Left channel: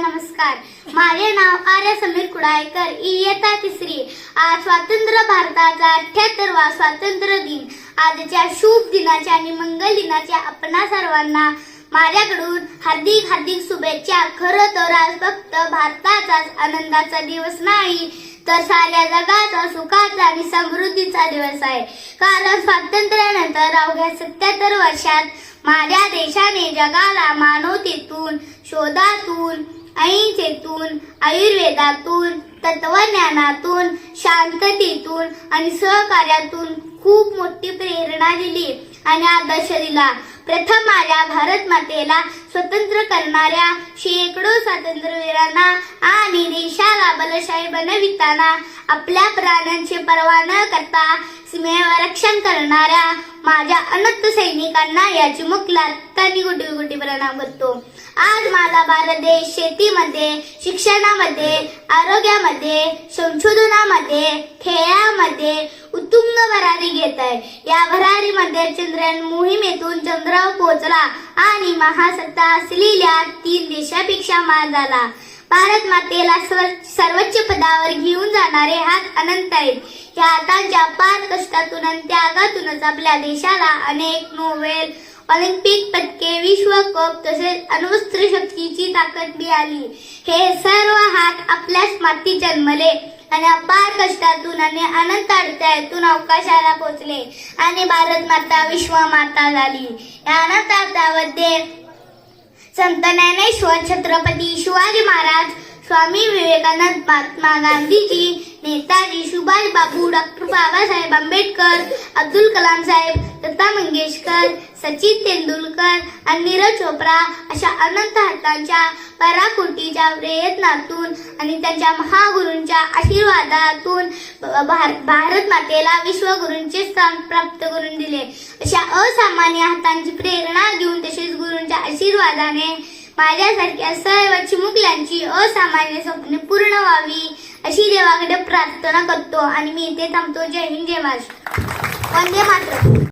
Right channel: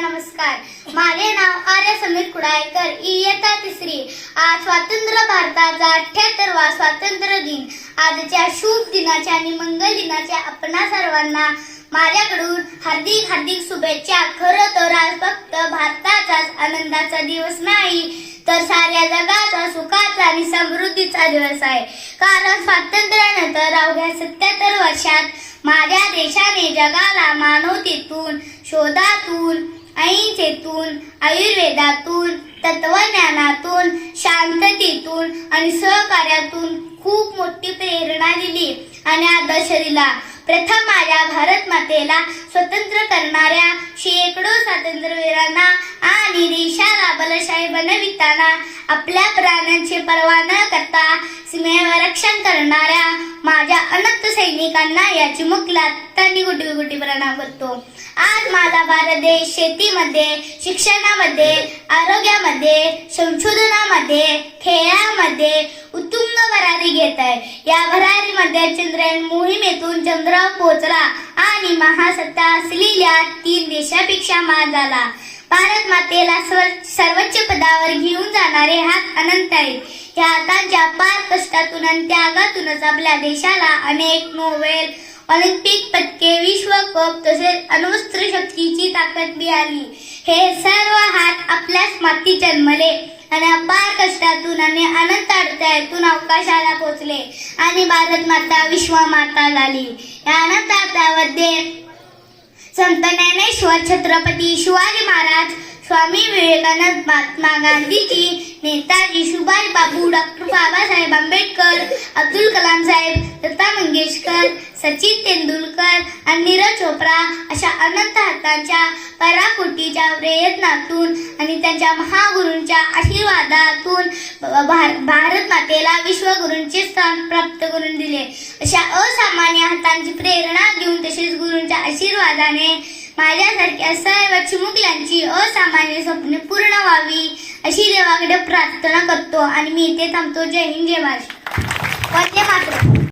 नमस्कार. माझे नाव आर्य समीर कुडाळकर. इयत्ता तिसरी. आज स्वातंत्र्य भारताचा अठ्याहत्तरवा स्वातंत्र्य दिन. आजच्या शुभ दिनाच्या आणि मंगल दिनाच्या आपणा सर्वांना माझ्याकडून हार्दिक हार्दिक शुभेच्छा. खरं तर आज फक्त भारताचाच आनंदाचा दिवस नाही तर साऱ्या जगाचा सुखाचा आणि समृद्धीचा दिवस आहे. कारण स्वातंत्र्यानंतर अवघ्या सत्याहत्तर वर्षात माझ्या देशाने जगाला मानवतेतून शोधातून अहिंसेतून आयुर्वेदातून तत्वज्ञानातून शांततेतून आणि सहकार्यातून खूप मोठी प्रेरणा दिली आणि आदर्श दिला. प्रथम माझ्या भारत मातेला स्वतंत्र करणाऱ्या शेकडो स्वातंत्र्यवीरांना आणि देशाला बलशाही बनविताना आपल्या प्राणांची पर्वा न करता सीमेवर रक्षण करणाऱ्या सैनिकांना याची मुख लातानी गुटी गुटी प्रणाम करतो. आज माझा भारत देश शेतीमध्ये शिक्षणामध्ये आरोग्यामध्ये संशोधनामध्ये खेळामध्ये उत्तुंग भरारी घेत आहे या भरारीमध्ये चंद्रयान मोहिमेतून चंद्रावर पोहोचला आणि महासत्ता असलेल्या तीन देशापेक्षा मान झाला. भारत मातेला सर्वोच्च पदावर घेऊन जाणारे हात अनंत आहेत. या आताच्या पार कष्टातून आणि त्यागातूनच आपल्या देशाला अनेक नोबेल ऑलिम्पिक पदके विश्व कप तसेच अणुस्त्र शक्तीची ताकद मिळाली. हे सर्व हात आपल्याच माती जन्मले आणि अपार कष्टातून आणि अनंत अडथळ्यातून अवकाशाला पोचले आणि भारत माता विश्व माता झाली. या अनंत अर्थामध्ये संत ज्ञानेश्वर छत्रपती शिवाजी महाराज स्वामी विवेकानंद महात्मा गांधीजी नेताजी सुभाष बाबू डॉक्टर बाबासाहेब आंबेडकर अब्दुल कलाम साहेब लता मंगेशकर सचिन तेंडुलकर आणि नीरज चोप्रा अशा अनंत हातांच्या पराकोटीच्या प्रयत्नातून आणि त्यांच्या महागुरूंच्या आशीर्वादातून भार- भारत मातेला विश्वगुरूंचे स्थान प्राप्त करून दिले. अशा असामान्य हातांची प्रेरणा घेऊन तसेच गुरूंच्या आशीर्वादाने माझ्यासारख्या सर्व चिमुकल्यांची असामान्य स्वप्ने पूर्ण व्हावी अशी देवाकडे प्रार्थना करतो आणि मी इथे थांबतो. जय हिंद जय महाराष्ट्र. वंदे मात्र